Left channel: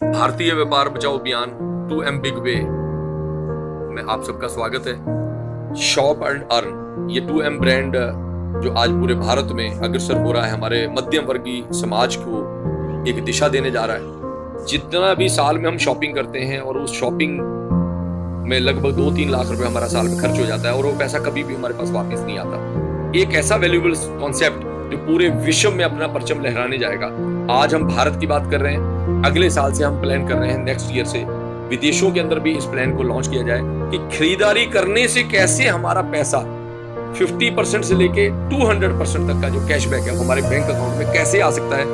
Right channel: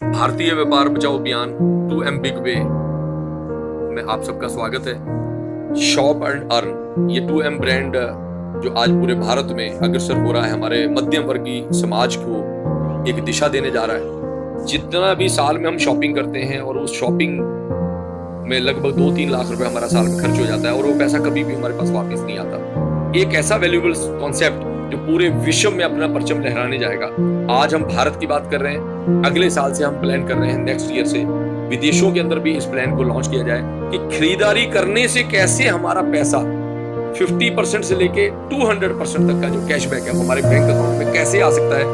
भारतीय व्यापार बचाओ अभियान 2M बिग वे में आप सबका स्वागत है। शॉप एंड अर्न ये 2M ब्रांड जो आज पूरे भारत में अग्रसर हो रहा है, हमारे मध्यम वर्गीय समाज को एक दिशा देने जा रहा है। जितना भी साल में हम शॉपिंग करते हैं और उस शॉपिंग में लगभग 2-3 लाख रुपए हमारा साल में खर्च हो जाता है और वो पैसा कभी भी हमारे पास वापस नहीं आता। एक ऐसा वैल्यूएबल कॉन्सेप्ट जो पूरे विश्व में अपना परचम लहराने जाएगा। आज हम भारत की बात कर रहे हैं, अगले साल से हम प्लान कर रहे हैं नेक्स्ट ईयर से विदेशों के अंदर भी इस प्लान को लॉन्च किया जाए कि खरीदारी करने से कैसे हमारा पैसा 50% से लेके 200% तक का जो कैशबैक है हमारे बैंक अकाउंट में कैसे आ सकता है।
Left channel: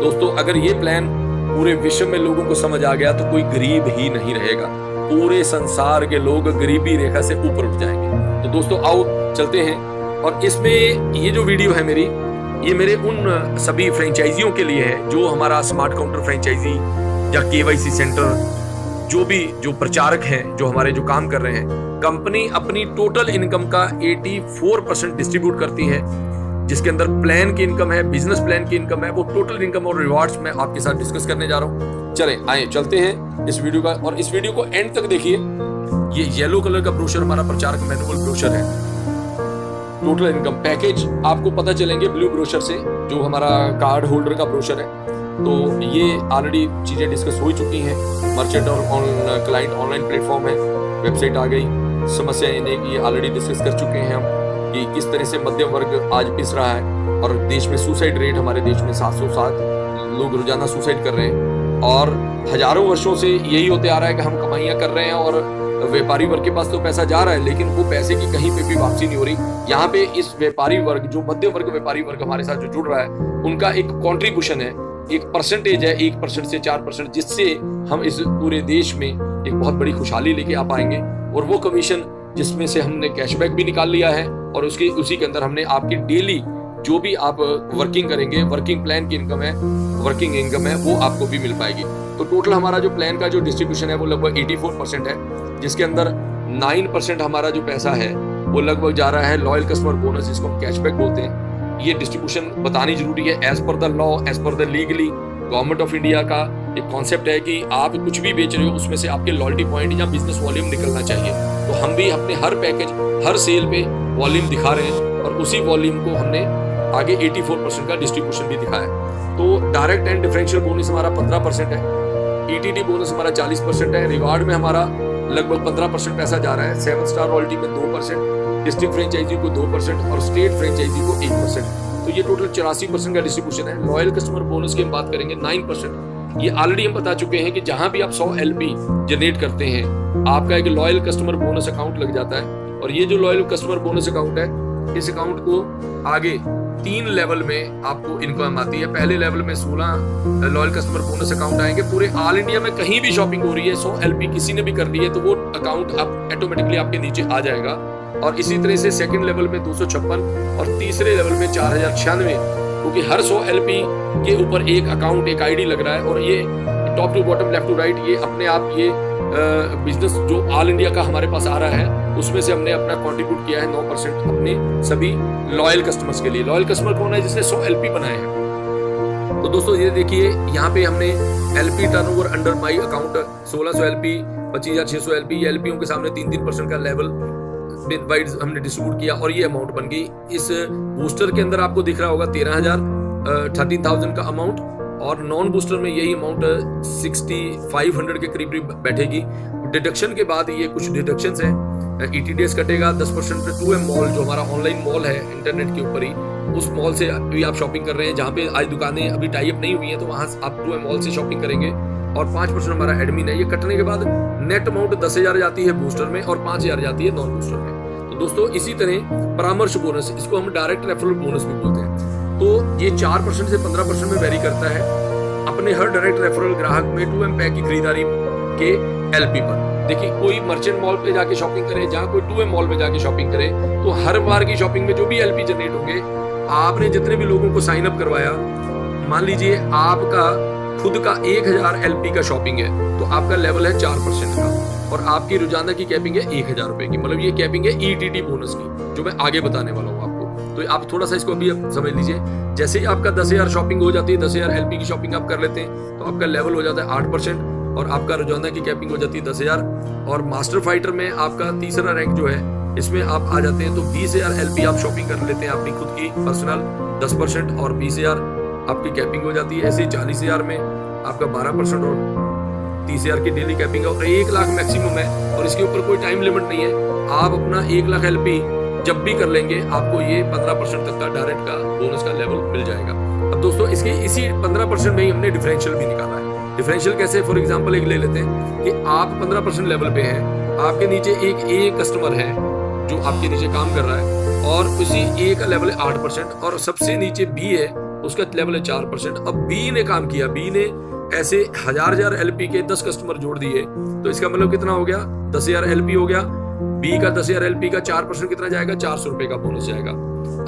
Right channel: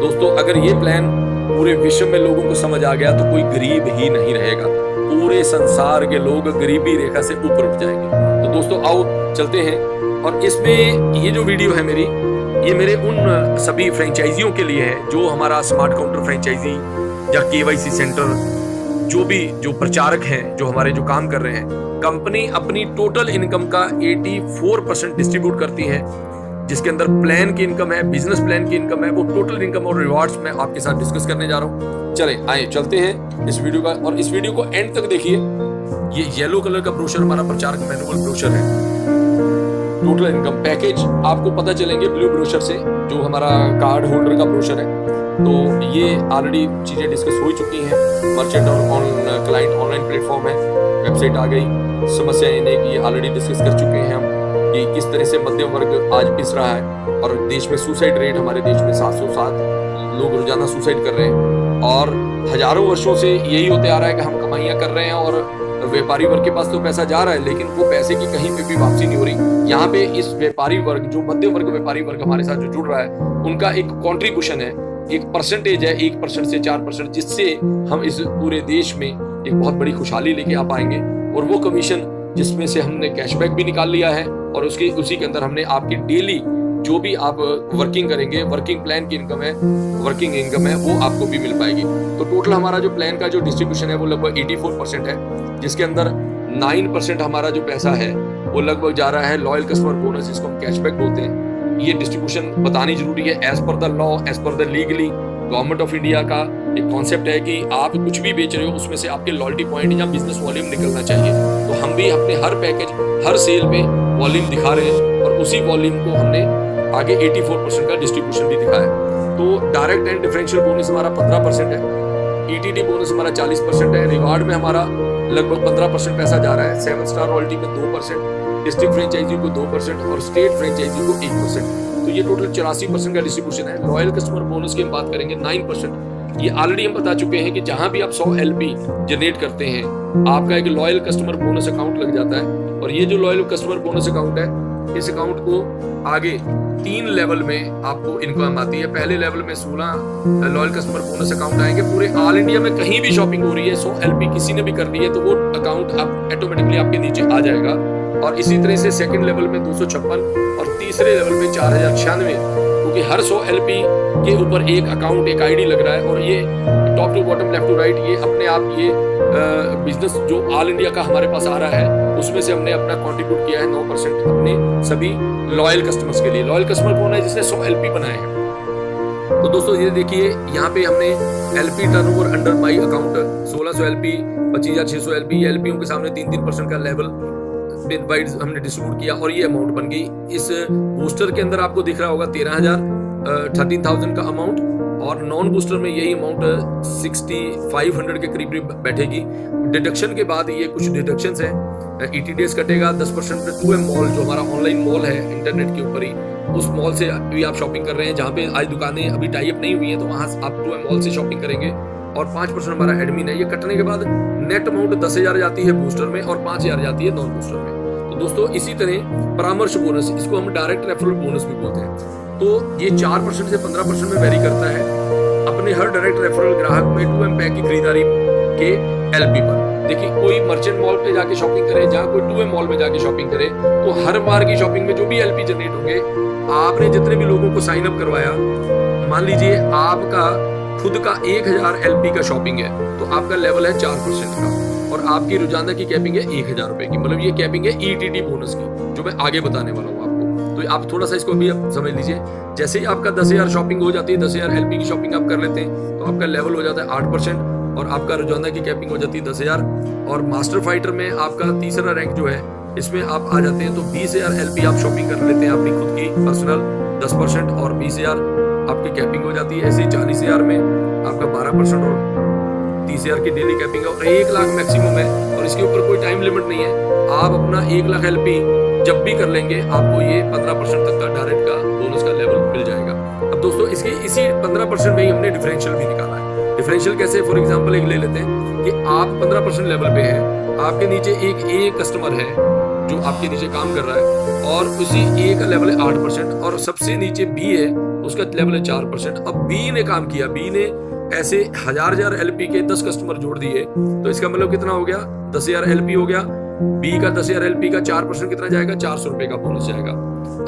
दोस्तों, अगर ये प्लान पूरे विश्व में लोगों को समझ आ गया तो कोई गरीब ही नहीं रहेगा। पूरे संसार के लोग गरीबी रेखा से ऊपर उठ जाएंगे। तो दोस्तों आओ चलते हैं। और इसमें ये जो वीडियो है मेरी, ये मेरे उन सभी फ्रेंचाइजियों के लिए है जो हमारा स्मार्ट काउंटर फ्रेंचाइजी या KYC सेंटर, जो प्रचारक हैं, जो हमारे जो काम कर रहे हैं। कंपनी अपनी टोटल इनकम का 84% डिस्ट्रीब्यूट करती है, जिसके अंदर प्लान की इनकम है, बिजनेस प्लान की इनकम है। वो टोटल इनकम और रिवार्ड्स मैं आपके साथ डिस्कस करने जा रहा हूँ। चलें आए चलते हैं इस वीडियो का, और इस वीडियो को एंड तक देखिए। ये येलो कलर का ब्रोशर हमारा प्रचारक मैनुअल ब्रोशर है। टोटल इनकम पैकेज आपको पता चलेंगे ब्लू ब्रोशर से, जो हमारा कार्ड होल्डर का ब्रोशर है। तो ये ऑलरेडी चीजें डिस्कस हो चुकी हैं। मर्चेंट और क्लाइंट ऑनलाइन प्लेटफॉर्म है, वेबसाइट आ गई। समस्या ये नहीं कि आऑलरेडी डिस्कस कर चुके हैं हम कि किस तरह से मध्यम वर्ग आज पिस रहा है। और देश में सुसाइड रेट, हमारे देश में 707 लोग रोजाना सुसाइड कर रहे हैं। और हजारों वर्षों से यही होते आ रहा है कि हम कमाइयां कर रहे हैं और व्यापारी वर्ग के पास तो पैसा जा रहा है, लेकिन वो पैसे की कहीं पे भी वापसी नहीं हो रही। यहाँ पे इस व्यापारी वर्ग, जो मध्यम वर्ग व्यापारी वर्ग हमारे साथ जो जुड़ रहा है, उनका एक कॉन्ट्रीब्यूशन है, एक परसेंटेज है 1% से 4%, जिससे हम इस पूरे देश में एक बहुत बड़ी खुशहाली लेके आ पाएंगे। और वो कमीशन जिसमें से हमने कैशबैक भी निकाल लिया है, और उसी के अंदर हमने आपकी डेली जो भी आप वर्किंग करेंगे, वर्किंग प्लान की इनकम है, वर्किंग इनकम है, वो आपको भी मिल पाएगी। तो टोटल हमारा जो प्लान का जो डिस्ट्रीब्यूशन है वो लगभग 84% है, जिसके अंदर 9% हमारा जो पैसा है वो लगभग जा रहा है लॉयल कस्टमर बोनस, जिसको हम कैशबैक बोलते हैं। ये डिस्ट्रीब्यूशन बतानी जरूरी है। As per the law, as per the legally government of India का एक कॉन्सेप्ट है कि आप कुछ भी बेच रहे हो उसमें से आपके लॉयल्टी पॉइंट या बिजनेस वॉल्यूम निकलना चाहिए। तो हम भी अपने हर पैकेज, हर सेल पे वॉल्यूम दिखा रहे हैं, और उसी वॉल्यूम को हमने आगे 84% का डिस्ट्रीब्यूशन भी दिखाया। तो डायरेक्ट एंड डिफरेंशियल बोनस हमारा 15% है, ETD बोनस हमारा 40% है, रिवार्ड में हमारा लगभग 15% पैसा जा रहा है, 7 स्टार रॉयल्टी में 2%, डिस्ट्रिक्ट फ्रेंचाइजी को 2% और स्टेट फ्रेंचाइजी को 1%। तो ये टोटल 84% का डिस्ट्रीब्यूशन है। लॉयल कस्टमर बोनस की हम बात करेंगे 9%। ये ऑलरेडी हम बता चुके हैं कि जहां भी आप 100 LP जनरेट करते हैं, आपका एक लॉयल कस्टमर बोनस अकाउंट लग जाता है। और ये जो लॉयल कस्टमर बोनस अकाउंट है, इस अकाउंट को आगे 3 लेवल में आपको इनकम आती है। पहले लेवल में 16 लॉयल कस्टमर बोनस अकाउंट आएंगे। पूरे ऑल इंडिया में कहीं भी शॉपिंग हो रही है, 100 LP किसी ने भी कर ली है, तो वो अकाउंट आप ऑटोमेटिकली आपके नीचे आ जाएगा। और इसी तरह से सेकंड लेवल में 256 और तीसरे लेवल में 4096, क्योंकि हर 100 LP के ऊपर एक अकाउंट, एक ID लग रहा है। और ये top to bottom, left to right, ये अपने आप ये बिजनेस जो ऑल इंडिया का हमारे पास आ रहा है, उसमें से हमने अपना कंट्रीब्यूट किया है 9% अपने सभी लॉयल कस्टमर्स के लिए। लॉयल कस्टमर कौन है? जिसने 100 LP बनाए हैं। तो दोस्तों ये देखिए, यहाँ पे हमने LP turnover under my account 1600 LP, 25,600 LP, ये LPओं के सामने 3% का लेवल वाइज हमने डिस्ट्रीब्यूट किया, और ये अमाउंट बन गई। इस बूस्टर के अंदर आपको दिख रहा होगा 13,000 का अमाउंट, और नॉन बूस्टर में यही अमाउंट 6,500 के करीब बैठेगी। डिडक्शन के बाद ये कुछ डिडक्शंस हैं। ETDs कटेगा 10%। 2M मॉल जो हमारा ऑनलाइन मॉल है इंटरनेट के ऊपर ही, उस मॉल से भी आप शॉपिंग कर रहे हैं, जहाँ पे आज दुकानें अभी टाई अप नहीं हुई हैं, तो वहां आप 2M मॉल से शॉपिंग करेंगे। और 5% हमारा एडमिन है। ये कटने के बाद नेट अमाउंट 10,000 जाती है बूस्टर में और 5,000 जाती है नॉन बूस्टर में। तो दोस्तों इसी तरह परामर्श बोनस, इसको हम डायरेक्ट रेफरल बोनस भी बोलते हैं। तो ये 4% से 15% में वेरी करता है अपने हर डायरेक्ट रेफरल ग्राहक में 2M पैक की खरीदारी के LP पर। देखिए, कोई मर्चेंट मॉल पे जाके शॉपिंग करे, जहाँ कोई 2M मॉल में जाके शॉपिंग करे, तो हर बार की शॉपिंग में जो भी LP जनरेट होंगे, आपने जितने भी लोगों को साइन अप करवाया, मान लीजिए आपका खुद का 1000 LP का शॉपिंग है, तो आपका लेवल है 4% का, और आपकी रोजाना की कैपिंग है 1,000 रुपए की। मतलब ये कैपिंग है ETD बोनस की, जो मैं आगे बताने वाला हूँ आपको। तो आप थोड़ा सा इसको अभी आप समझ लीजिए। जैसे ही आपका 10,000 शॉपिंग हो जाती है, 10,000 LP की शॉपिंग आप कर लेते हैं, तो आपका लेवल हो जाता है 8% और आपका रोजाना की कैपिंग हो जाती है 10,000। और मास्टर फाइटर में आपका तीसरा रैंक जो है, इसमें आप आ जाते हैं तो 20,000 LP आप शॉपिंग कर लेते हैं अपनी खुद की पर्सनल 10% और 20,000 आपकी कैपिंग हो जाती है। ऐसे ही 40,000 में आपका 12% और 30,000 की डेली कैपिंग है और 1 लाख मैक्सिमम है और इसके ऊपर कोई टाइम लिमिट नहीं है। आप अपना 1 लाख LP जब भी कर लेंगे आपको ये 15% तक का डायरेक्ट का बोनस का लेवल मिल जाएगा। अब दोस्तों इसकी इसी 15% में ही हमने डिफरेंशियल भी निकाला है। डिफरेंशियल कैसे, फॉर एग्जांपल एक ले लेते हैं कि आप 15% लेवल पे हैं, आपके नीचे एक ए कस्टमर है जो आपके नीचे काम कर रहा है और उसी ए का लेवल है 8% और सबसे नीचे बी है, उसका लेवल है 4%। अब बी ने काम किया, बी ने ऐसे 1000 LP के 10 कस्टमर जोड़ दिए, तो इसका मतलब कितना हो गया, 10,000 LP हो गया। बी का 10,000 LP का 4% कितना जाएगा, 400 रुपए का बोनस जाएगा।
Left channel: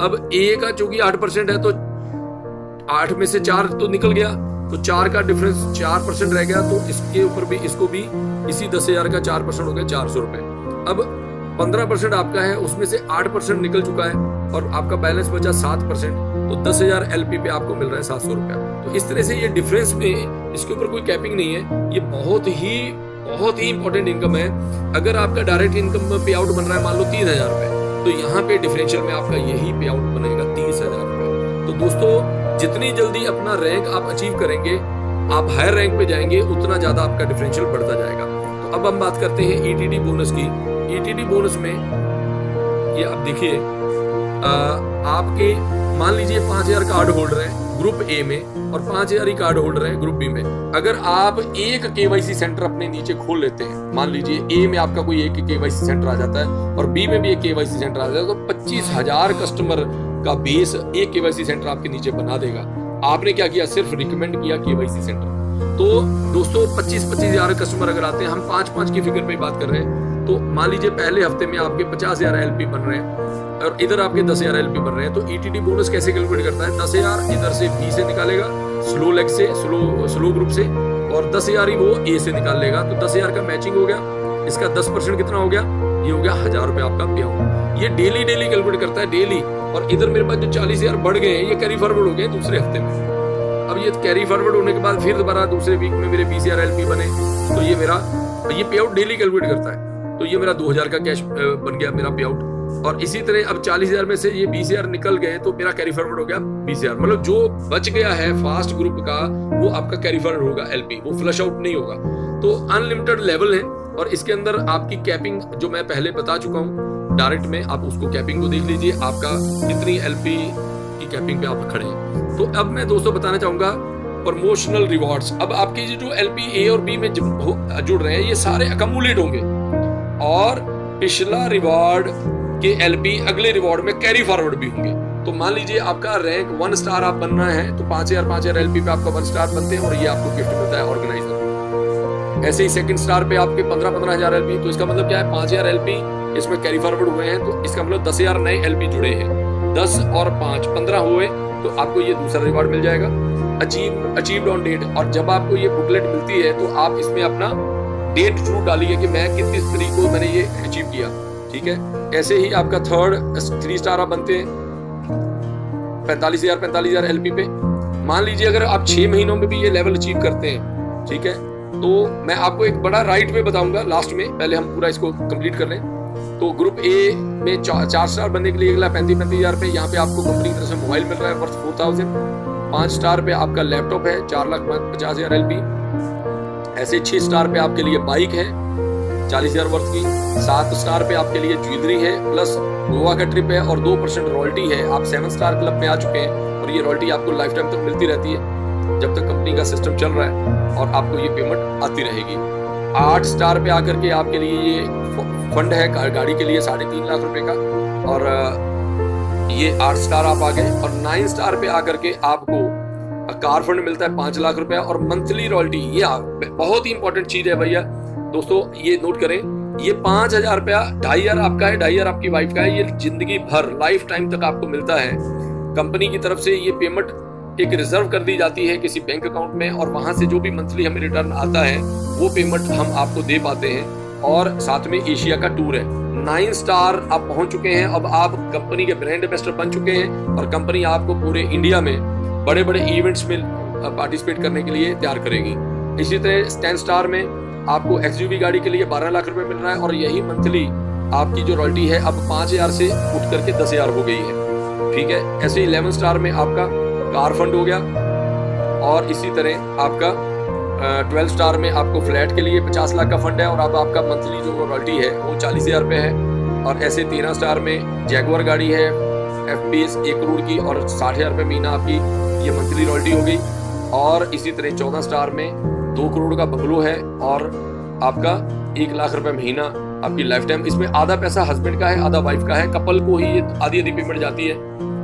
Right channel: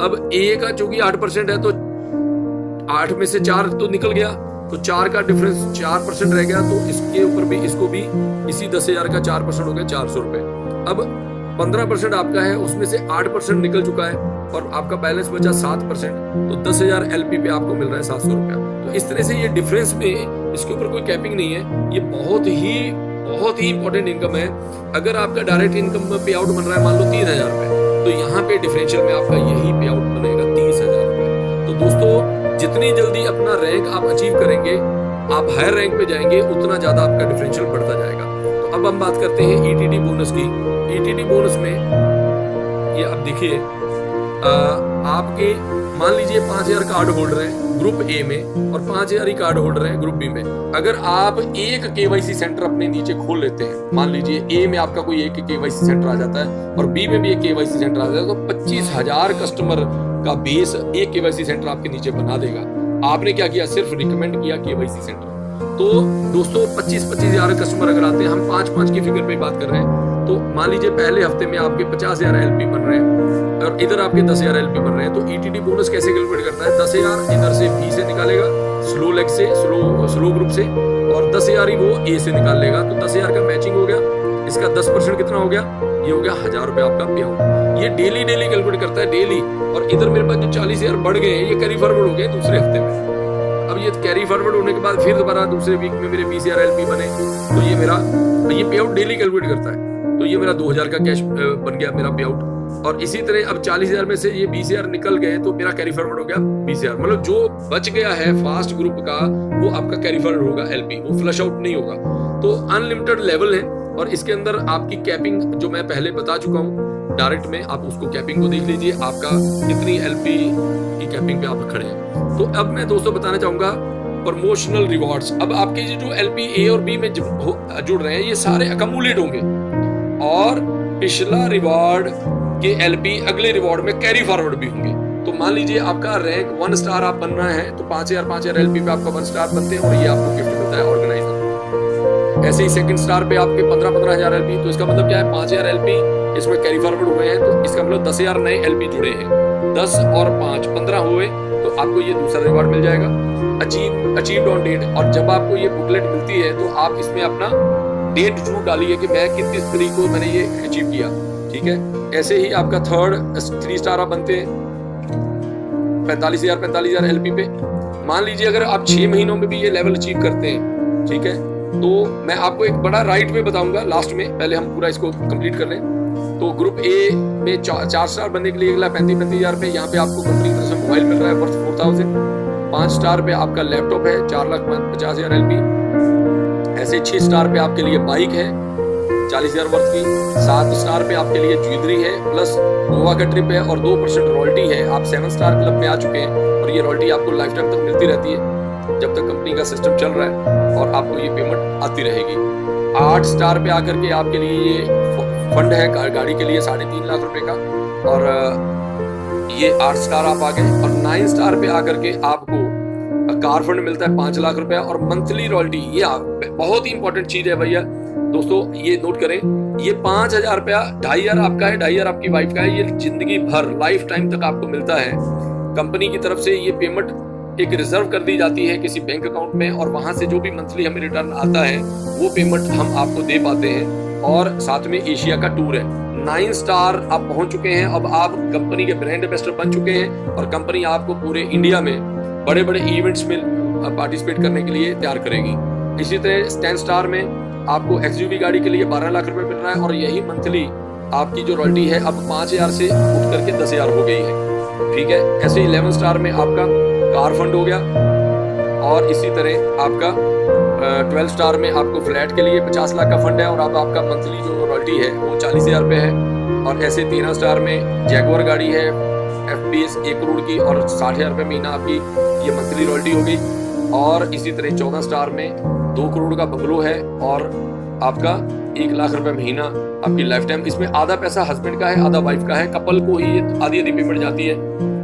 अब ए का चूंकि 8% है तो 8 में से 4 तो निकल गया, तो 4 का डिफरेंस 4% रह गया, तो इसके ऊपर भी इसको भी इसी 10,000 का 4% हो गया 400 रुपए। अब 15% आपका है, उसमें से 8% निकल चुका है और आपका बैलेंस बचा 7%, तो 10,000 LP पे आपको मिल रहा है 700 रुपया। तो इस तरह से ये डिफरेंस में इसके ऊपर कोई कैपिंग नहीं है, ये बहुत ही इंपॉर्टेंट इनकम है। अगर आपका डायरेक्ट इनकम पे आउट बन रहा है मान लो 3,000 रुपए, तो यहाँ पे डिफरेंशियल में आपका यही पे आउट बनेगा 30,000 रुपए। तो दोस्तों जितनी जल्दी अपना रैंक आप अचीव करेंगे, आप हायर रैंक पे जाएंगे, उतना ज्यादा आपका डिफरेंशियल बढ़ता जाएगा। तो अब हम बात करते हैं ETD बोनस की। ETD बोनस में ये आप देखिए, आपके मान लीजिए 5,000 कार्ड होल्डर हैं ग्रुप ए में और 5,000 ही कार्ड होल्डर हैं ग्रुप बी में। अगर आप एक KYC सेंटर अपने नीचे खोल लेते हैं, मान लीजिए ए में आपका कोई एक KYC सेंटर आ जाता है और बी में भी एक KYC सेंटर आ जाता है, तो 25,000 कस्टमर का बेस एक KYC सेंटर आपके नीचे बना देगा। आपने क्या किया, सिर्फ रिकमेंड किया KYC सेंटर। तो दोस्तों 25,000 कस्टमर अगर आते हैं, हम 5 की फिगर पे बात कर रहे हैं, तो मान लीजिए पहले हफ्ते में आपके 50,000 LP बन रहे हैं और इधर आपके 10,000 LP बन रहे हैं। तो ETD बोनस कैसे कैलकुलेट करता है, 10,000 इधर से बी से निकालेगा, स्लो लेग से, स्लो ग्रुप से, और 10,000 ही वो ए से निकाल लेगा। तो 10,000 का मैचिंग हो गया, इसका 10% कितना हो गया, ये हो गया 1,000 रुपए आपका पे आउट। ये डेली कैलकुलेट करता है, डेली। और इधर मेरे पास जो 40,000 बढ़ गए हैं, ये कैरी फॉरवर्ड हो गए दूसरे हफ्ते में। अब ये कैरी फॉरवर्ड होने के बाद फिर दोबारा दूसरे वीक में मेरे 20,000 LP बने, तो ये मेरा ये पे आउट डेली कैलकुलेट करता है। तो ये मेरा 2,000 का कैश बन गया मेरा पे आउट। और इसी तरह अब 40,000 में से ये 20,000 निकल गए, तो मेरा कैरी फॉरवर्ड हो गया 20,000। मतलब जो बच गया है फास्ट ग्रुप का, वो आपका कैरी फॉरवर्ड होगा LP, वो फ्लश आउट नहीं होगा। तो अनलिमिटेड लेवल है और इसके अंदर आपकी कैपिंग जो मैं पहले बता चुका हूँ डायरेक्ट में, आप उसको कैपिंग को देख लीजिए, आपका कितनी LP की कैपिंग पे आप खड़े हैं। तो अब मैं दोस्तों बताना चाहूंगा प्रमोशनल रिवॉर्ड्स। अब आपके जो LP A और B में जुड़ रहे हैं, ये सारे अकमुलेट होंगे और पिछला रिवॉर्ड के LP अगले रिवॉर्ड में कैरी फॉरवर्ड भी होंगे। तो मान लीजिए आपका रैंक 1 स्टार आप बन रहे हैं, तो 5,000 LP पे आपका 1 स्टार बनते हैं और ये आपको गिफ्ट मिलता है ऑर्गेनाइजर। ऐसे ही सेकंड स्टार पे आपके 15,000 LP, तो इसका मतलब क्या है, 5,000 LP इसमें कैरी फॉरवर्ड हुए हैं, तो इसका मतलब 10,000 नए LP जुड़े हैं। 10 और 5 15 हुए, तो आपको ये दूसरा रिवॉर्ड मिल जाएगा, अचीव्ड ऑन डेट। और जब आपको ये बुकलेट मिलती है, तो आप इसमें अपना डेट जरूर डालिए कि मैं किस तारीख को मैंने ये अचीव किया, ठीक है। ऐसे ही आपका 3 स्टार आप बनते हैं 45,000 LP पे। मान लीजिए अगर आप 6 महीनों में भी ये लेवल अचीव करते हैं, ठीक है, तो मैं आपको एक बड़ा राइट वे बताऊंगा लास्ट में, पहले हम पूरा इसको कंप्लीट कर लें। तो ग्रुप ए में 4 स्टार बनने के लिए 35,000 पे यहाँ पे आपको कंपनी की तरफ से मोबाइल मिल रहा है वर्थ 4,000। 5 स्टार पे आपका लैपटॉप है 4,50,000 LP। ऐसे 6 स्टार पे आपके लिए बाइक है 40,000 वर्थ की। 7 स्टार पे आपके लिए ज्वेलरी है, प्लस गोवा का ट्रिप है और 2% रॉयल्टी है। आप 7 स्टार क्लब में आ चुके हैं और ये रॉयल्टी आपको लाइफ टाइम तक मिलती रहती है जब तक कंपनी का सिस्टम चल रहा है और आपको ये पेमेंट आती रहेगी। 8 स्टार पे आकर के आपके लिए ये फंड है गाड़ी के लिए 3.5 लाख रुपए का, और ये 8 स्टार आप आ गए। और 9 स्टार पे आकर के आपको कार फंड मिलता है 5 लाख रुपए और मंथली रॉयल्टी। ये बहुत ही इंपॉर्टेंट चीज है भैया दोस्तों, ये नोट करें। ये 5,000 रुपया 2,500 आपका है, 2,500 आपकी वाइफ का है। ये जिंदगी भर लाइफ टाइम तक आपको मिलता है। कंपनी की तरफ से ये पेमेंट एक रिजर्व कर दी जाती है किसी बैंक अकाउंट में, और वहां से जो भी मंथली हमें रिटर्न आता है वो पेमेंट हम आपको दे पाते हैं। और साथ में एशिया का टूर है, 9 स्टार आप पहुंच चुके हैं। अब आप कंपनी के ब्रांड एम्बेसडर बन चुके हैं और कंपनी आपको पूरे इंडिया में बड़े बड़े इवेंट्स में पार्टिसिपेट करने के लिए तैयार करेगी। इसी तरह 10 स्टार में आपको एक्सयूवी गाड़ी के लिए 12 लाख रुपए मिल रहा है और यही मंथली आपकी जो रॉयल्टी है अब 5,000 से उठ करके 10,000 हो गई है। ठीक है, ऐसे 11 स्टार में आपका कार फंड हो गया और इसी तरह आपका 12 स्टार में आपको फ्लैट के लिए 50 लाख का फंड है और अब आपका मंथली जो रॉयल्टी है वो 40,000 रुपये है। और ऐसे 13 स्टार में जैगुआर गाड़ी है FPS 1 करोड़ की और 60,000 रुपये महीना आपकी ये मंथली रॉयल्टी हो गई। और इसी तरह 14 स्टार में 2 करोड़ का बंगलो है और आपका 1 लाख रुपए महीना आपकी लाइफ टाइम। इसमें आधा पैसा हस्बैंड का है, आधा वाइफ का है। कपल को ही आधी आधी पेमेंट जाती है।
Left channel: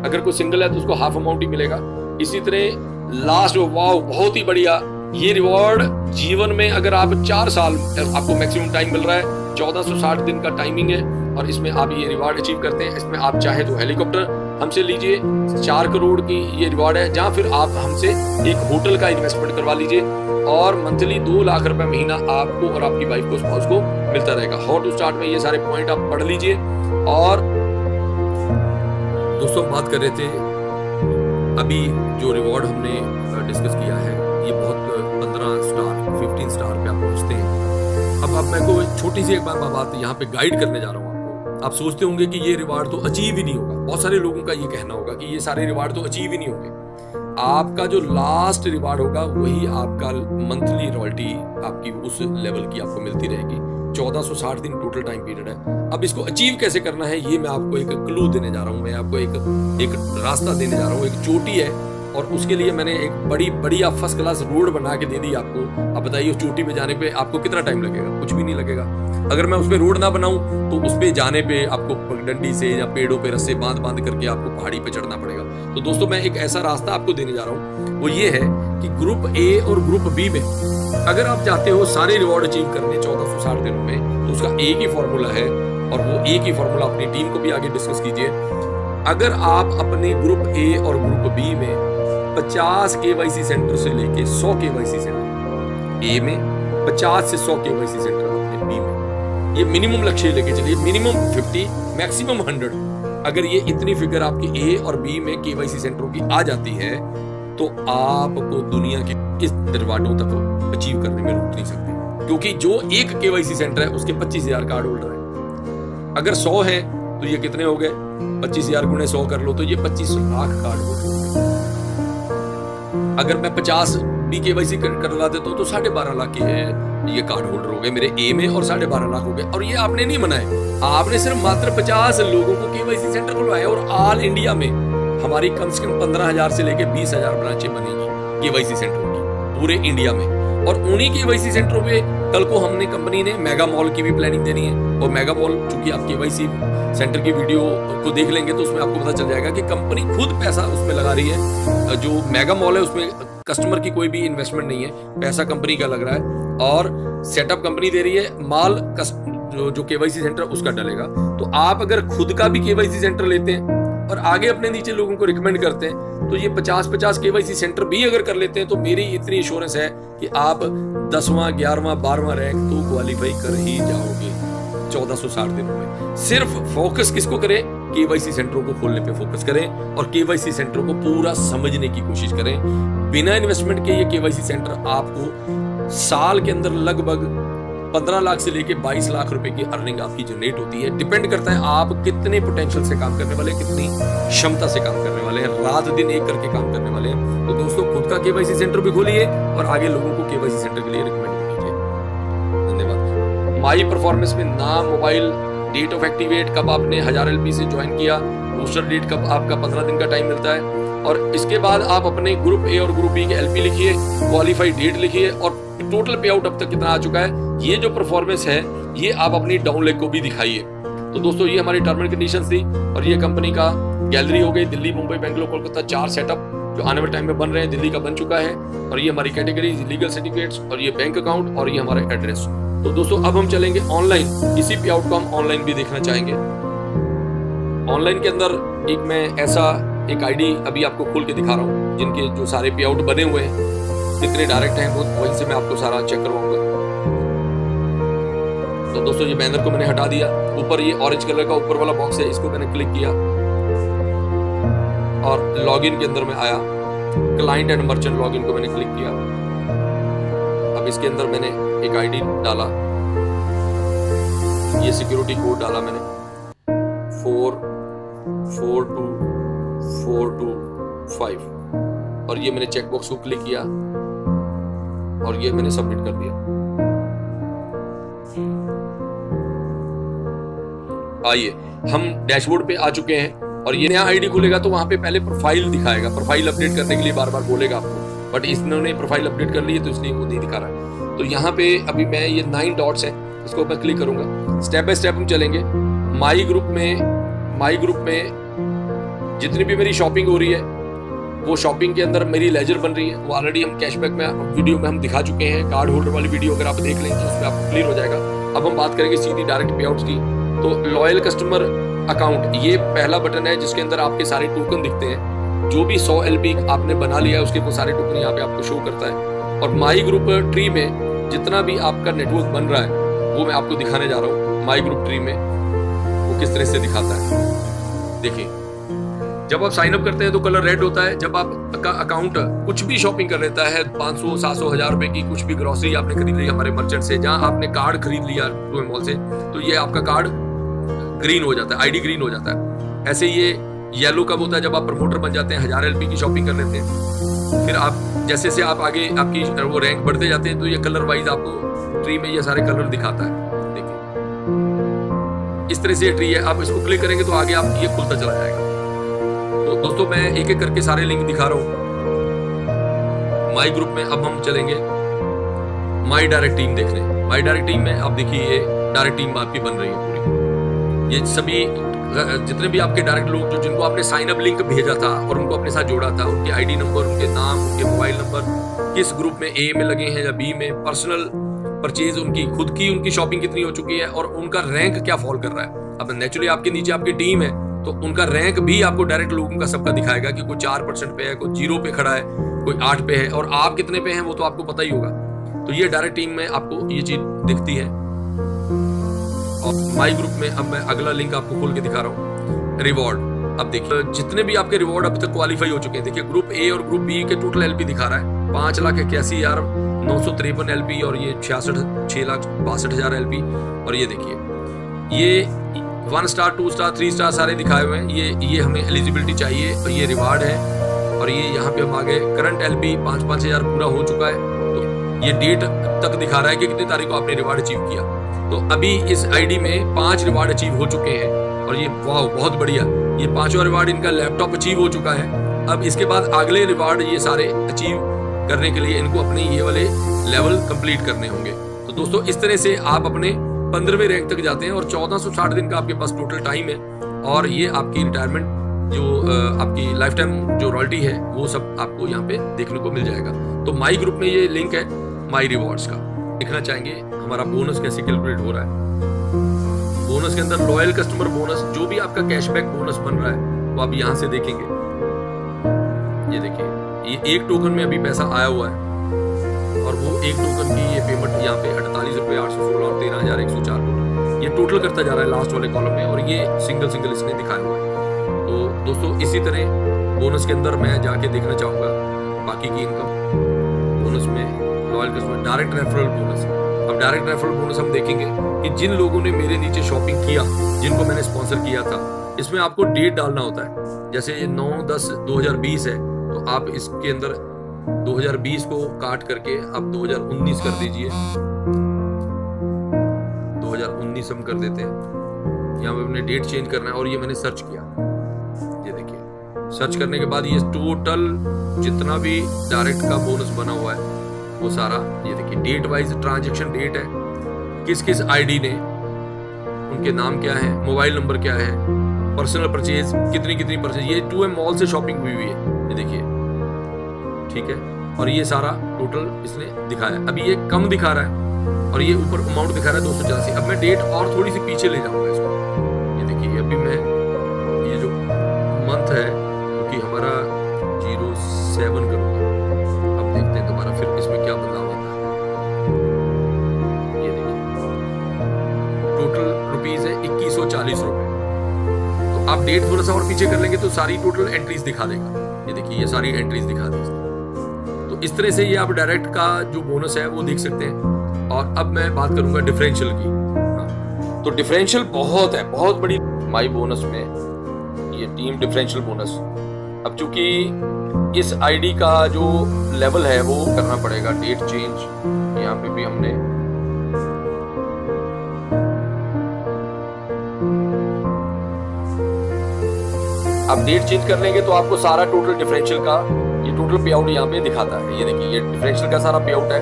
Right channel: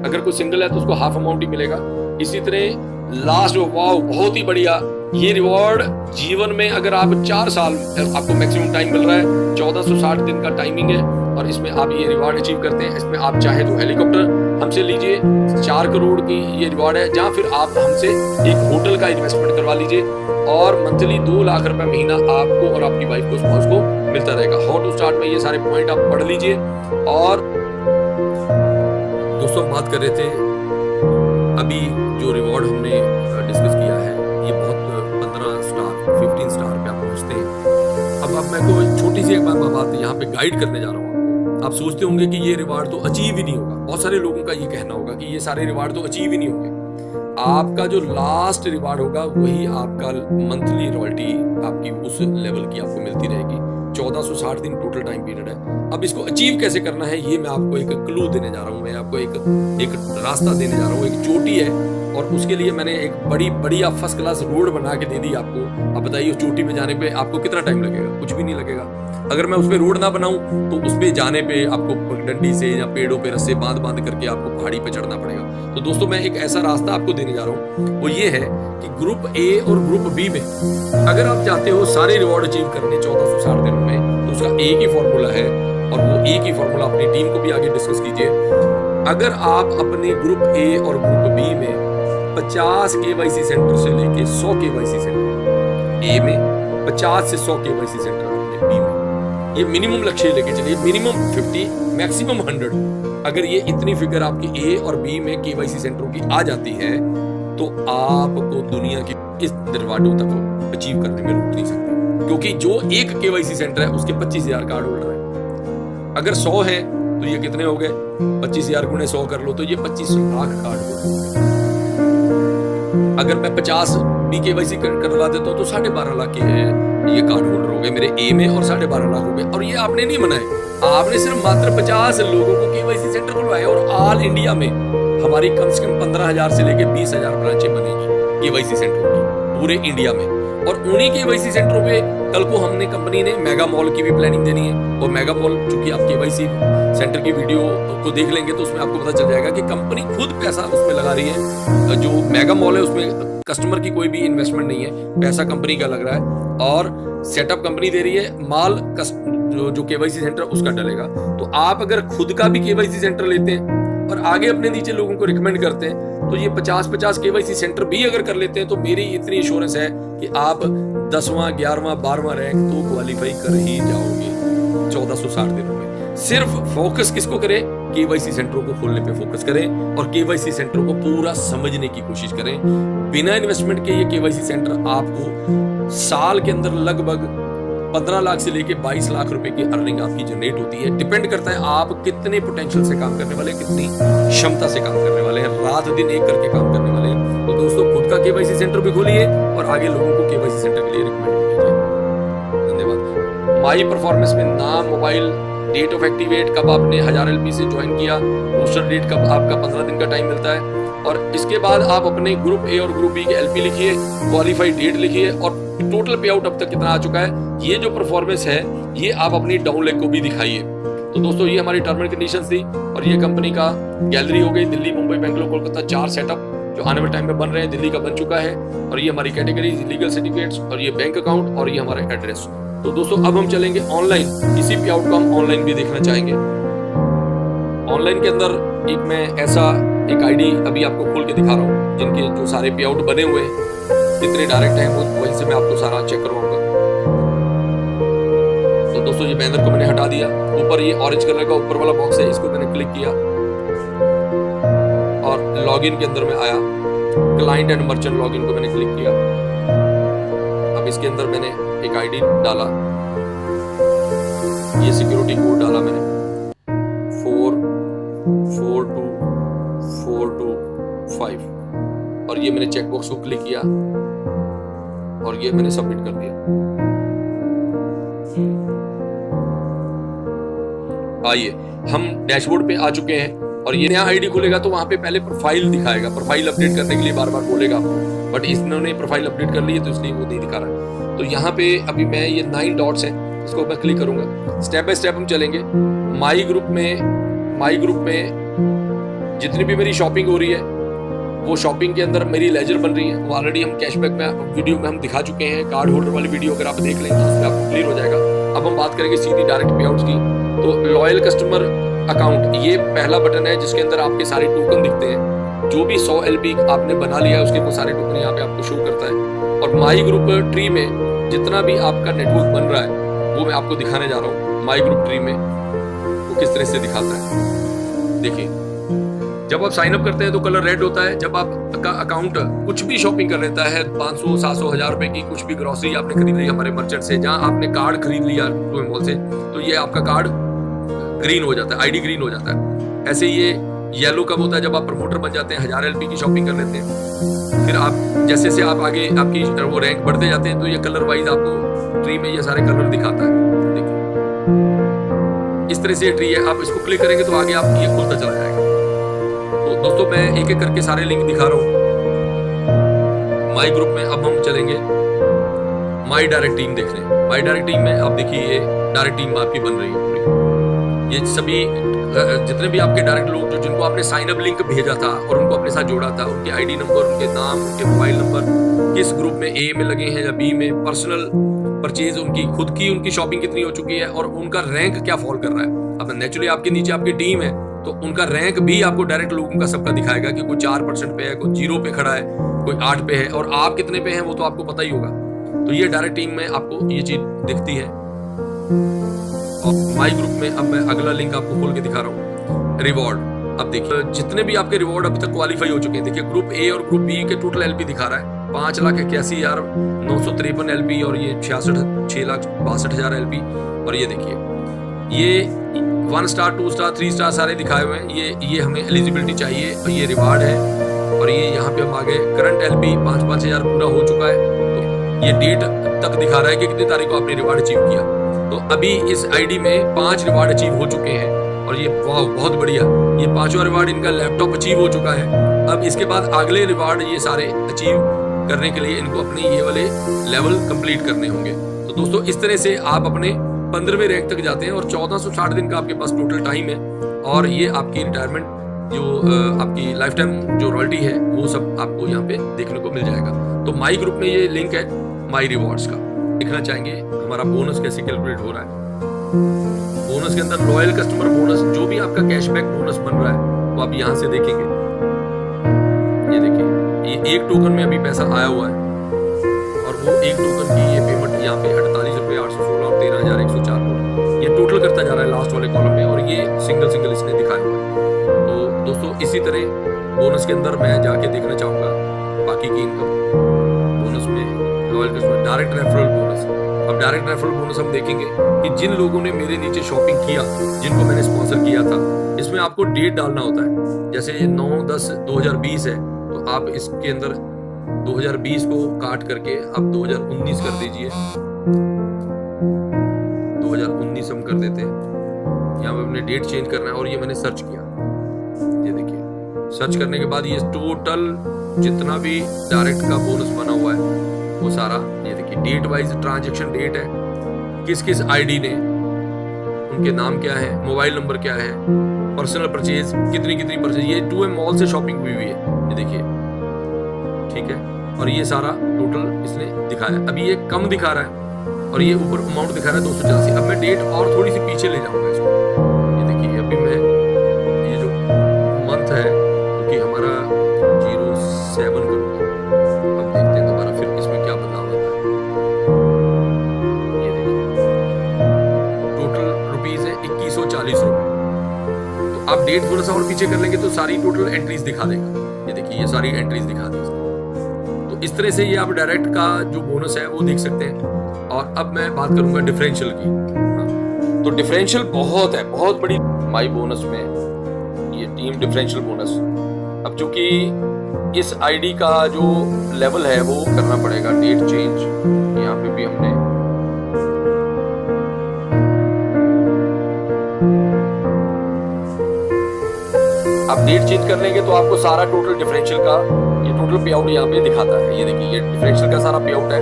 अगर कोई सिंगल है तो उसको हाफ अमाउंट ही मिलेगा। इसी तरह लास्ट, वाओ बहुत ही बढ़िया, ये रिवॉर्ड जीवन में अगर आप 4 साल आपको मैक्सिमम टाइम मिल रहा है, 1460 दिन का टाइमिंग है और इसमें आप ये रिवॉर्ड अचीव करते हैं। इसमें आप चाहे तो हेलीकॉप्टर हमसे लीजिए, 4 करोड़ की ये रिवॉर्ड है, जहाँ फिर आप हमसे एक होटल का इन्वेस्टमेंट करवा लीजिए और मंथली 2 लाख रुपए महीना आपको और आपकी वाइफ को, स्पाउस को मिलता रहेगा। हाउ टू स्टार्ट में ये सारे पॉइंट आप पढ़ लीजिए। और दोस्तों हम बात कर रहे थे अभी जो रिवॉर्ड हमने डिस्कस किया है ये बहुत 15 स्टार 15 स्टार पे आप पहुंचते हैं। अब मैं को छोटी सी एक बात यहाँ पे गाइड करने जा रहा हूँ आपको। आप सोचते होंगे कि ये रिवॉर्ड तो अचीव ही नहीं होगा, बहुत सारे लोगों का ये कहना होगा कि ये सारे रिवॉर्ड तो अचीव ही नहीं होंगे। आपका जो लास्ट रिवॉर्ड होगा वही आपका मंथली रॉयल्टी आपकी उस लेवल की आपको मिलती रहेगी। 1460 दिन टोटल टाइम पीरियड है। अब इसको अचीव कैसे करना है ये मैं आपको एक क्लू देने जा रहा हूँ, मैं आपको एक रास्ता देने जा रहा हूँ। एक चोटी है और उसके लिए मैंने एक बड़ी फर्स्ट क्लास रोड बना के दे दी आपको। अब बताइए चोटी पे जाने पे आपको कितना टाइम लगेगा? कुछ भी नहीं लगेगा। अगर मैं उस पे रोड ना बनाऊं तो उस पे जाने पे आपको पगडंडी से या पेड़ों पे रस्से बांध करके आपको पहाड़ी पे चढ़ना पड़ेगा। तो दोस्तों मैं एक ऐसा रास्ता आपको देने जा रहा हूँ, वो ये है कि ग्रुप A और ग्रुप B में अगर आप चाहते हो सारे रिवॉर्ड अचीव करने 1460 दिनों में, तो उसका एक ही फॉर्मूला है और वो एक ही फॉर्मूला अपनी टीम को भी आगे डिस्कस कीजिए। अगर आप अपने ग्रुप A और ग्रुप B में 50 KYC सेंटर से लेके 100 KYC सेंटर, A में 50 से 100 KYC सेंटर आपने B में, ये मिनिमम लक्ष्य लेके चलिए। Minimum 50, maximum 100। अगर ये इतनी फिगर आपकी A और B में KYC सेंटरों की आ जाती है तो आपको दुनिया की इस दरवाजों तक अचीव करने में रुक नहीं सकते, क्योंकि जो एक KYC सेंटर है उसके 25,000 कार्ड होल्डर है। अगर 100 है तो ये कितने हो गए? 25,000 गुणे 100 कर लो तो ये 25 लाख कार्ड होल्डर हो गए। अगर मैं 50 भी KYC करवा देता हूँ तो 12.5 लाख के ये कार्ड होल्डर हो गए मेरे A में और 12.5 लाख हो गए। और ये आपने नहीं बनाए, आपने सिर्फ मात्र 50 लोगों को KYC सेंटर खुलवाए और ऑल इंडिया में हमारी कम से कम 15,000 से लेके 20,000 ब्रांचें बनेगी KYC सेंटरों की पूरे इंडिया में। और उन्हीं KYC सेंटरों पे कल को हमने कंपनी ने मेगा मॉल की भी प्लानिंग देनी है। और मेगा मॉल, चूंकि आप KYC सेंटर की वीडियो को देख लेंगे तो उसमें आपको पता चल जाएगा कि कंपनी खुद पैसा उसमें लगा रही है। जो मेगा मॉल है उसमें कस्टमर की कोई भी इन्वेस्टमेंट नहीं है, पैसा कंपनी का लग रहा है और सेटअप कंपनी दे रही है, माल जो KYC सेंटर उसका डलेगा। तो आप अगर खुद का भी KYC सेंटर लेते हैं और आगे अपने नीचे लोगों को रिकमेंड करते हैं तो ये 50 KYC सेंटर भी अगर कर लेते हैं तो मेरी इतनी इंश्योरेंस है कि आप 10वां 11वां 12वां रैंक तो क्वालिफाई कर ही जाओगे 1460 दिनों में। सिर्फ फोकस किसको करें? KYC सेंटरों को खोलने पे फोकस करें और KYC सेंटरों को पूरा समझने की कोशिश करें। बिना इन्वेस्टमेंट के ये KYC सेंटर आपको साल के अंदर लगभग 15 लाख से लेके 22 लाख रुपए की अर्निंग आपकी जनरेट होती है। डिपेंड करता है आप कितने पोटेंशियल से काम करने वाले हैं, कितनी क्षमता से काम करने वाले हैं, रात दिन एक करके काम करने वाले हैं। तो दोस्तों खुद का KYC सेंटर भी खोलिए और आगे लोगों को KYC सेंटर के लिए रिकमेंड भी कीजिए। धन्यवाद। माई परफॉर्मेंस में नाम, मोबाइल, डेट ऑफ एक्टिवेट, कब आपने 1000 LP से ज्वाइन किया, बूस्टर डेट कब, आपका 15 दिन का टाइम मिलता है। और इसके बाद आप अपने ग्रुप A और ग्रुप B के LP लिखिए, क्वालिफाइड डेट लिखिए और टोटल पे आउट अब तक कितना आ चुका है। ये जो परफॉर्मेंस है ये आप अपनी डाउन लेग को भी दिखाइए। तो दोस्तों ये हमारी टर्म एंड कंडीशंस थी और ये कंपनी का गैलरी हो गई। दिल्ली, मुंबई, बेंगलोर, कोलकाता 4 सेटअप जो आने वाले टाइम में बन रहे हैं। दिल्ली का बन चुका है और ये हमारी कैटेगरी, लीगल सर्टिफिकेट्स और ये बैंक अकाउंट और ये हमारा एड्रेस। तो दोस्तों अब हम चलेंगे ऑनलाइन। इसी पे आउट को हम ऑनलाइन भी देखना चाहेंगे। ऑनलाइन के अंदर एक मैं ऐसा एक आईडी अभी आपको खोल के दिखा रहा हूँ जिनके जो सारे पे आउट बने हुए हैं, कितने डायरेक्ट हैं वो वहीं से मैं आपको सारा चेक करवाऊंगा। तो दोस्तों ये बैनर को मैंने हटा दिया। ऊपर ये ऑरेंज कलर का ऊपर वाला बॉक्स है, इसको मैंने क्लिक किया और लॉगिन के अंदर में आया। क्लाइंट एंड मर्चेंट लॉगिन को मैंने क्लिक किया। अब इसके अंदर मैंने एक आईडी डाला, ये सिक्योरिटी कोड डाला मैंने 442425 और ये मैंने चेकबॉक्स को क्लिक किया और ये मैंने सबमिट कर दिया। आइए हम डैशबोर्ड पे आ चुके हैं और ये नया आईडी खुलेगा तो वहां पे पहले प्रोफाइल दिखाएगा। प्रोफाइल अपडेट करने के लिए बार बार बोलेगा आपको, बट इन्होंने प्रोफाइल अपडेट कर ली है तो इसलिए वो नहीं दिखा रहा है। तो यहाँ पे अभी मैं ये 9 डॉट्स है, इसको मैं क्लिक करूंगा। स्टेप बाय स्टेप हम चलेंगे। माई ग्रुप में जितनी भी मेरी शॉपिंग हो रही है वो शॉपिंग के अंदर मेरी लेजर बन रही है। वो ऑलरेडी हम कैशबैक में वीडियो में हम दिखा चुके हैं। कार्ड होल्डर वाली वीडियो अगर आप देख लें तो उसमें आपको क्लियर हो जाएगा। अब हम बात करेंगे सीधी डायरेक्ट पे आउट्स की। तो लॉयल कस्टमर अकाउंट, ये पहला बटन है जिसके अंदर आपके सारे टोकन दिखते हैं। जो भी 100 LP आपने बना लिया है उसके वो सारे टोकन यहाँ पे आपको शो करता है। और माई ग्रुप ट्री में जितना भी आपका नेटवर्क बन रहा है वो मैं आपको दिखाने जा रहा हूँ। माई ग्रुप ट्री में वो किस तरह से दिखाता है, देखिए। जब आप साइन अप करते हैं तो कलर रेड होता है। जब आपका अकाउंट कुछ भी शॉपिंग कर लेता है, 500, 700, 1000 रुपए की कुछ भी ग्रोसरी आपने खरीद ली हमारे मर्चेंट से, जहां आपने कार्ड खरीद लिया 2M मॉल से, तो ये आपका कार्ड ग्रीन हो जाता है, आईडी ग्रीन हो जाता है। ऐसे ये येलो कब होता है, जब आप प्रमोटर बन जाते हैं, 1000 LP की शॉपिंग कर लेते हैं। फिर आप जैसे से आप आगे आपकी वो रैंक बढ़ते जाते हैं तो ये कलर वाइज आपको ट्री में ये सारे कलर दिखाता है। देखिए इस तरह से ये ट्री है। आप इसको क्लिक करेंगे तो आगे आप ये खुलता चला जाएगा। तो दोस्तों मैं एक एक करके सारे लिंक दिखा रहा हूँ माई ग्रुप में। अब हम चलेंगे माई डायरेक्ट टीम देखने। माई डायरेक्ट टीम में आप देखिए ये डायरेक्ट टीम आपकी बन रही है पूरी। ये सभी जितने भी आपके डायरेक्ट लोग जो जिनको आपने साइन अप लिंक भेजा था और उनको अपने साथ जोड़ा था, उनके आईडी नंबर, उनके नाम, उनके मोबाइल नंबर, किस ग्रुप में, ए में लगे हैं या बी में, पर्सनल परचेज उनकी खुद की, उनकी शॉपिंग कितनी हो चुकी है और उनका रैंक क्या फॉल कर रहा है। अब नेचुरली आपके नीचे आपकी टीम है तो उनका रैंक भी आपको डायरेक्ट लोगों का सबका दिखाएगा कि कोई 4% पे है, कोई 0 पे खड़ा है, कोई 8 पे है, और आप कितने पे हैं वो तो आपको पता ही होगा। तो ये डायरेक्ट टीम में आपको ये चीज दिखती है। और माई ग्रुप में अब मैं अगला लिंक आपको खोल के दिखा रहा हूँ, रिवॉर्ड। अब देखिए जितने भी आपके रिवॉर्ड अभी तक क्वालिफाई हो चुके हैं, देखिए ग्रुप ए और ग्रुप बी के टोटल LP दिखा रहा है 5,81,953 LP और ये 6,62,000 LP। और ये देखिए ये 1 स्टार 2 स्टार 3 स्टार सारे दिखाए हुए हैं। ये हमें एलिजिबिलिटी चाहिए और ये रिवार्ड है। और ये यहाँ पे हम आ गए, करंट LP 5-5 हजार पूरा हो चुका है। तो ये डेट तक दिखा रहा है कि कितनी तारीख को आपने रिवार्ड अचीव किया। तो अभी इस आईडी में 5 रिवार्ड अचीव हो चुके हैं और ये वाह बहुत बढ़िया, ये 5वां रिवार्ड इनका लैपटॉप अचीव हो चुका है। अब इसके बाद अगले रिवार्ड ये सारे अचीव करने के लिए इनको अपने ये वाले लेवल कंप्लीट करने होंगे। तो दोस्तों इस तरह से आप अपने 15वें रैंक तक जाते हैं और 1460 दिन का आपके पास टोटल टाइम है। और ये आपकी रिटायरमेंट जो आपकी लाइफ टाइम जो रॉयल्टी है वो सब आपको यहाँ पे देखने को मिल जाएगा। तो माई ग्रुप में ये लिंक है माई रिवॉर्ड्स का। देखना चाहेंगे हमारा बोनस कैसे कैलकुलेट हो रहा है। बोनस के अंदर लॉयल कस्टमर बोनस, जो भी आपका कैशबैक बोनस बन रहा है वो आप यहाँ से देखेंगे। ये देखिए ये 1 टोकन में अभी पैसा आया हुआ है और वो 1 टोकन की ये पेमेंट यहाँ पे 48 रुपये 816 और 13,104 टोटल ये टोटल करता जा रहा है लास्ट वाले कॉलम में। और ये सिंगल इसने दिखाया हुआ है। तो दोस्तों इसी तरह बोनस के अंदर मैं जाके देखना चाहूंगा बाकी की इनकम। बोनस में loyal customer direct referral bonus. अब डायरेक्ट रेफरल बोनस हम देखेंगे कि जिन लोगों ने मेरे नीचे शॉपिंग किया, जिनको मैंने स्पॉन्सर किया था, इसमें आपको डेट डालना होता है। जैसे ये 9/10/2020 है तो आप इसके अंदर 2020 को काट करके अब 2019 कर दीजिए। 2019 हम कर देते हैं। यहाँ पे अपने डेट चेंज करना है और ये मैंने सर्च किया। ये देखिए सर्च करने के बाद ये टोटल जितना भी डायरेक्ट का बोनस बना हुआ है वो सारा ये देखिए डेट वाइज ट्रांजैक्शन डेट है, किस किस आईडी ने, उनके नाम क्या है, मोबाइल नंबर क्या है, पर्सनल परचेज कितनी परचेज, ये 2M मॉल से शॉपिंग हुई है। ये देखिए ठीक है। और ये सारा टोटल इसने दिखाया। अभी ये कम दिखा रहा है और ये ऊपर अमाउंट दिखा रहा है 284। अब मैं डेट और थोड़ी सी पीछे ले जाऊंगा इसको। ये देखिए अभी मैं ये जो मंथ है क्योंकि हमारा 07 करूंगा। अब देखते हैं दोबारा फिर इसमें क्या बदलाव आता है। ये देखिए रुपीज है 2140 रुपए। तो आप डेट थोड़ा सा और पीछे कर लेंगे तो सारी टोटल एंट्रीज दिखा देगा। ये देखिए, ये सारी एंट्रीज दिखा दी इसने। तो इस तरह से ये आप डायरेक्ट का जो बोनस है वो देख सकते हैं। और अब मैं बात करूंगा डिफरेंशियल की। हाँ, तो डिफरेंशियल बहुत है, बहुत बड़ी। माई बोनस में ये टीम डिफरेंशियल बोनस, अब चूंकि इस आईडी का जो लेवल है वो करना पड़ेगा। डेट चेंज, यहाँ पे भी हमने आप डेट चेंज कर लेंगे तो आपको सारा टोटल डिफरेंशियल का ये टोटल पे आउट यहाँ पे दिखाता है। ये देखिए, ये डिफरेंशियल का सारा पे आउट है।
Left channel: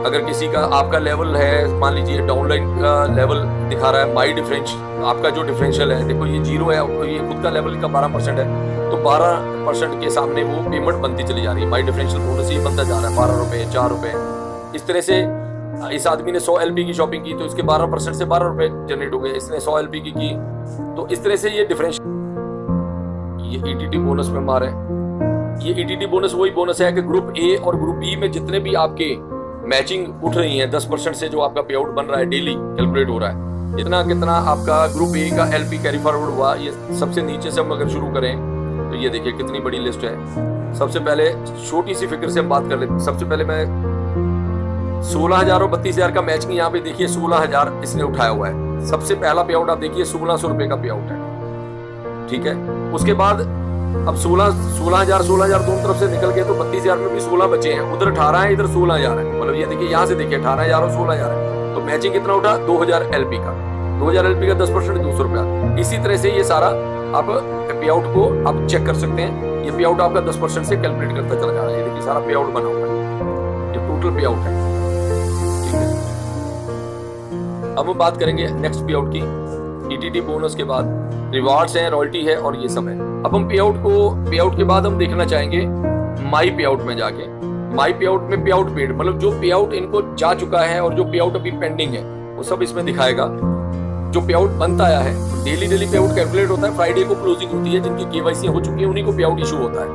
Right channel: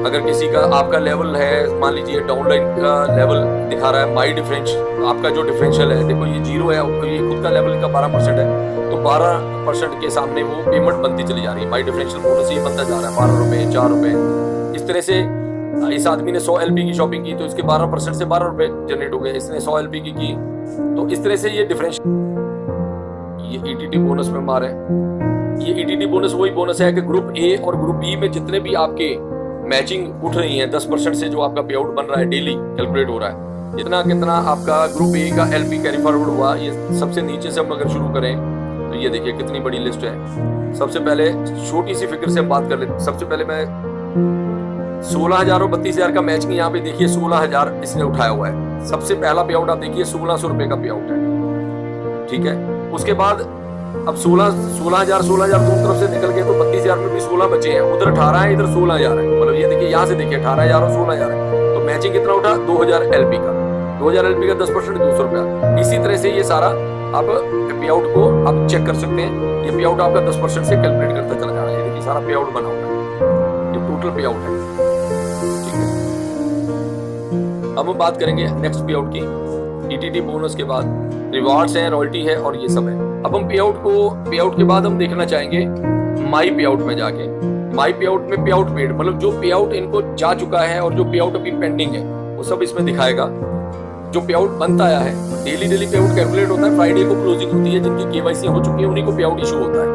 अगर किसी का आपका लेवल है, मान लीजिए डाउनलाइन का लेवल दिखा रहा है, माई डिफरेंशियल आपका जो डिफरेंशियल है, देखो ये 0 है, ये खुद का लेवल का 12% है, तो 12% के सामने वो पेमेंट बनती चली जा रही है। माई डिफरेंशियल बोनस ही बनता जा रहा है, 12 रुपए, 4 रुपए। इस तरह से इस आदमी ने 100 LP की शॉपिंग की तो इसके 12% से 12 रुपए जनरेट हो गए। इसने 100 LP की तो इस तरह से ये डिफरेंशियल, ये ETT बोनस में मारे। ये ETT बोनस वही बोनस है कि ग्रुप ए और ग्रुप बी में जितने भी आपके मैचिंग उठ रही है 10% से जो आपका पे आउट बन रहा है, डेली कैलकुलेट हो रहा है, इतना कितना आपका ग्रुप ए का LP कैरी फॉरवर्ड हुआ। ये सबसे नीचे से हम अगर शुरू करें तो ये देखिए कितनी बड़ी लिस्ट है। सबसे पहले छोटी सी फिगर से हम बात कर लेते। सबसे पहले मैं 16,000 और 32,000 का मैचिंग, यहाँ पे देखिए 16,000 इसने उठाया हुआ है। सबसे पहला पे आउट आप देखिए 1600 रुपए का पे आउट है, ठीक है। उसके बाद अब 16,000 दोनों तरफ से निकल गए तो 32,000 में भी 16 बचे हैं, उधर 18 है, इधर 16,000 है। मतलब ये देखिए, यहाँ से देखिए 18,000 और 16,000 है, तो मैचिंग कितना उठा? 2,000 LP का। 2,000 LP का 10% 200 रुपया। इसी तरह से ये सारा आप पे आउट को आप चेक कर सकते हैं। ये पे आउट आपका 10% से कैलकुलेट करता चला जा रहा है। ये देखिए सारा पे आउट बना हुआ है, ये टोटल पे आउट है, ठीक है। अब हम बात करेंगे नेक्स्ट पे आउट की। ETT बोनस के बाद रिवार्ड्स हैं, रॉयल्टी है और ये सब है। अब हम पे आउट के बाद हम देखना चाहेंगे माई पे आउट में जाके। माई पे आउट में पे आउट पेड, मतलब जो पे आउट इनको जा चुका है और जो पे आउट अभी पेंडिंग है वो सब इसमें दिखाएगा। जो पे आउट बनता आया है, डेली पे आउट कैलकुलेट होता है। फ्राइडे को क्लोजिंग होती है, जिनकी KYC हो चुकी है उन्हीं को पे आउट इशू होता है।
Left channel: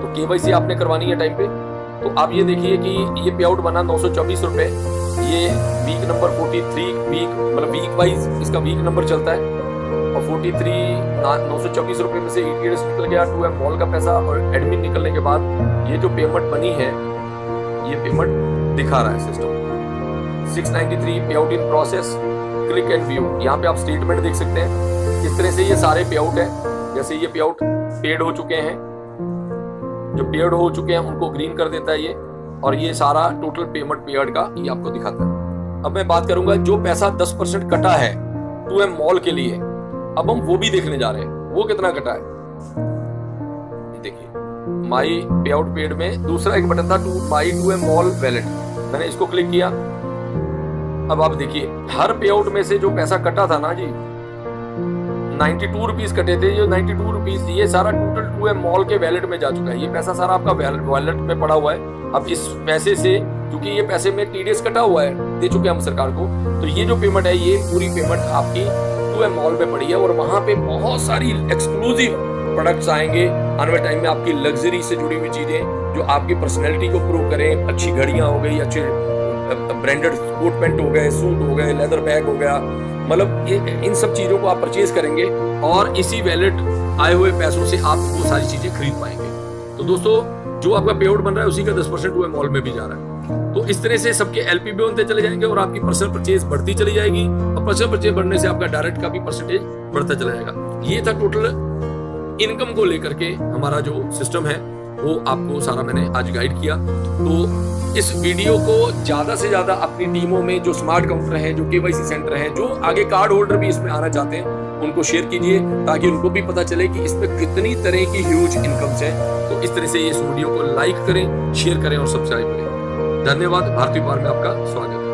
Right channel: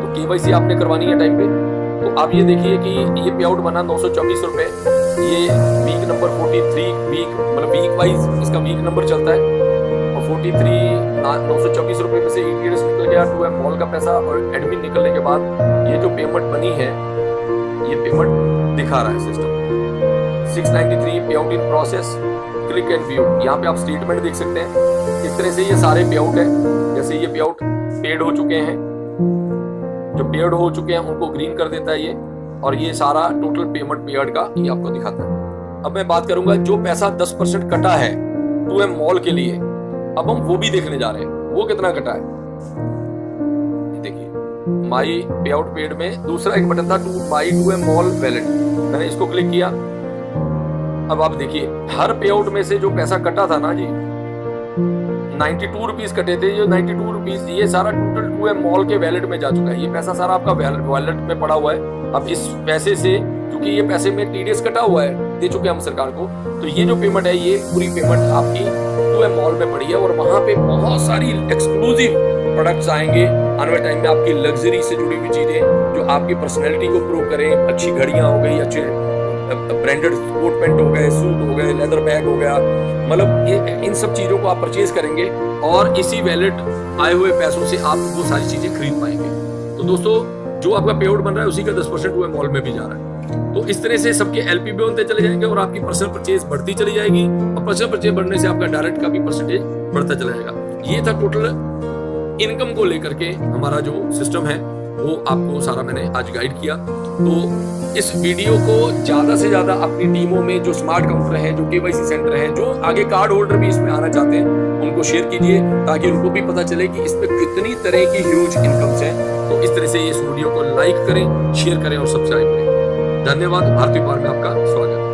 तो KYC आपने करवानी है टाइम पे। तो आप ये देखिए कि ये पे आउट बना 924 रुपए। ये वीक नंबर 43 वीक, मतलब वीक वाइज इसका वीक नंबर चलता है। और 924 रुपए में से ETS निकल गया, 2M मॉल का पैसा और एडमिन निकलने के बाद ये जो पेमेंट बनी है, ये पेमेंट दिखा रहा है सिस्टम। 693 पे out in process, click and view. यहाँ पे आप स्टेटमेंट देख सकते हैं। इस तरह से ये सारे पे आउट है। जैसे ये पे आउट पेड हो चुके हैं, जो पेड हो चुके हैं उनको ग्रीन कर देता है ये, और ये सारा टोटल पेमेंट पेड का ये आपको दिखाता है। अब मैं बात करूंगा जो पैसा 10% कटा है 2M मॉल के लिए, अब हम वो भी देखने जा रहे हैं। वो कितना कटा है देखिए, माई पे आउट पेड में दूसरा एक बटन था माई 2M मॉल वैलेट, मैंने इसको क्लिक किया। अब आप देखिए हर पे आउट में से जो पैसा कटा था ना जी, 92 रुपीज कटे थे। ये 92 रुपीज ये सारा टोटल 2M मॉल के वैलेट में जा चुका है। ये पैसा सारा आपका वैलेट में पड़ा हुआ है। अब इस पैसे से, क्योंकि ये पैसे में TDS कटा हुआ है, दे चुके हैं हम सरकार को, तो ये जो पेमेंट है ये पूरी पेमेंट आपकी 2M मॉल में पड़ी है। और वहां पे बहुत सारी एक्सक्लूसिव प्रोडक्ट्स आएंगे आने वाले टाइम में, आपकी लग्जरी से जुड़ी हुई चीजें जो आपकी पर्सनैलिटी को प्रूव करें। अच्छी घड़ियां हो गई, अच्छे ब्रांडेड कोट पैंट हो गए, सूट हो गए, लेदर बैग हो गया, मतलब इन सब चीजों को आप परचेज करेंगे और इसी वैलेट आए हुए पैसों से आप वो सारी चीजें खरीद पाएंगे। तो दोस्तों, जो आपका पे आउट बन रहा है उसी का 10% 2M मॉल में भी जा रहा है। तो इस तरह से सबके LP भी बनते चले जाएंगे और आपकी पर्सनल परचेज बढ़ती चली जाएगी, और पर्सनल परचेज बढ़ने से आपका डायरेक्ट का भी परसेंटेज बढ़ता चला जाएगा। ये था टोटल इनकम को लेकर के हमारा जो सिस्टम है, वो आपको सारा मैंने आज गाइड किया। तो इस वीडियो को ज्यादा से ज्यादा अपनी टीमों में जो स्मार्ट काउंटर हैं, जो KYC सेंटर हैं, जो आगे कार्ड होल्डर भी इसमें आना चाहते हैं, उनको शेयर कीजिए ताकि उनको भी पता चले कि इसमें कितनी तरह की ह्यूज इनकम्स हैं। तो इस तरह से इस वीडियो को लाइक करें, शेयर करें और सब्सक्राइब करें। धन्यवाद। भारतीय व्यापार में आपका स्वागत है।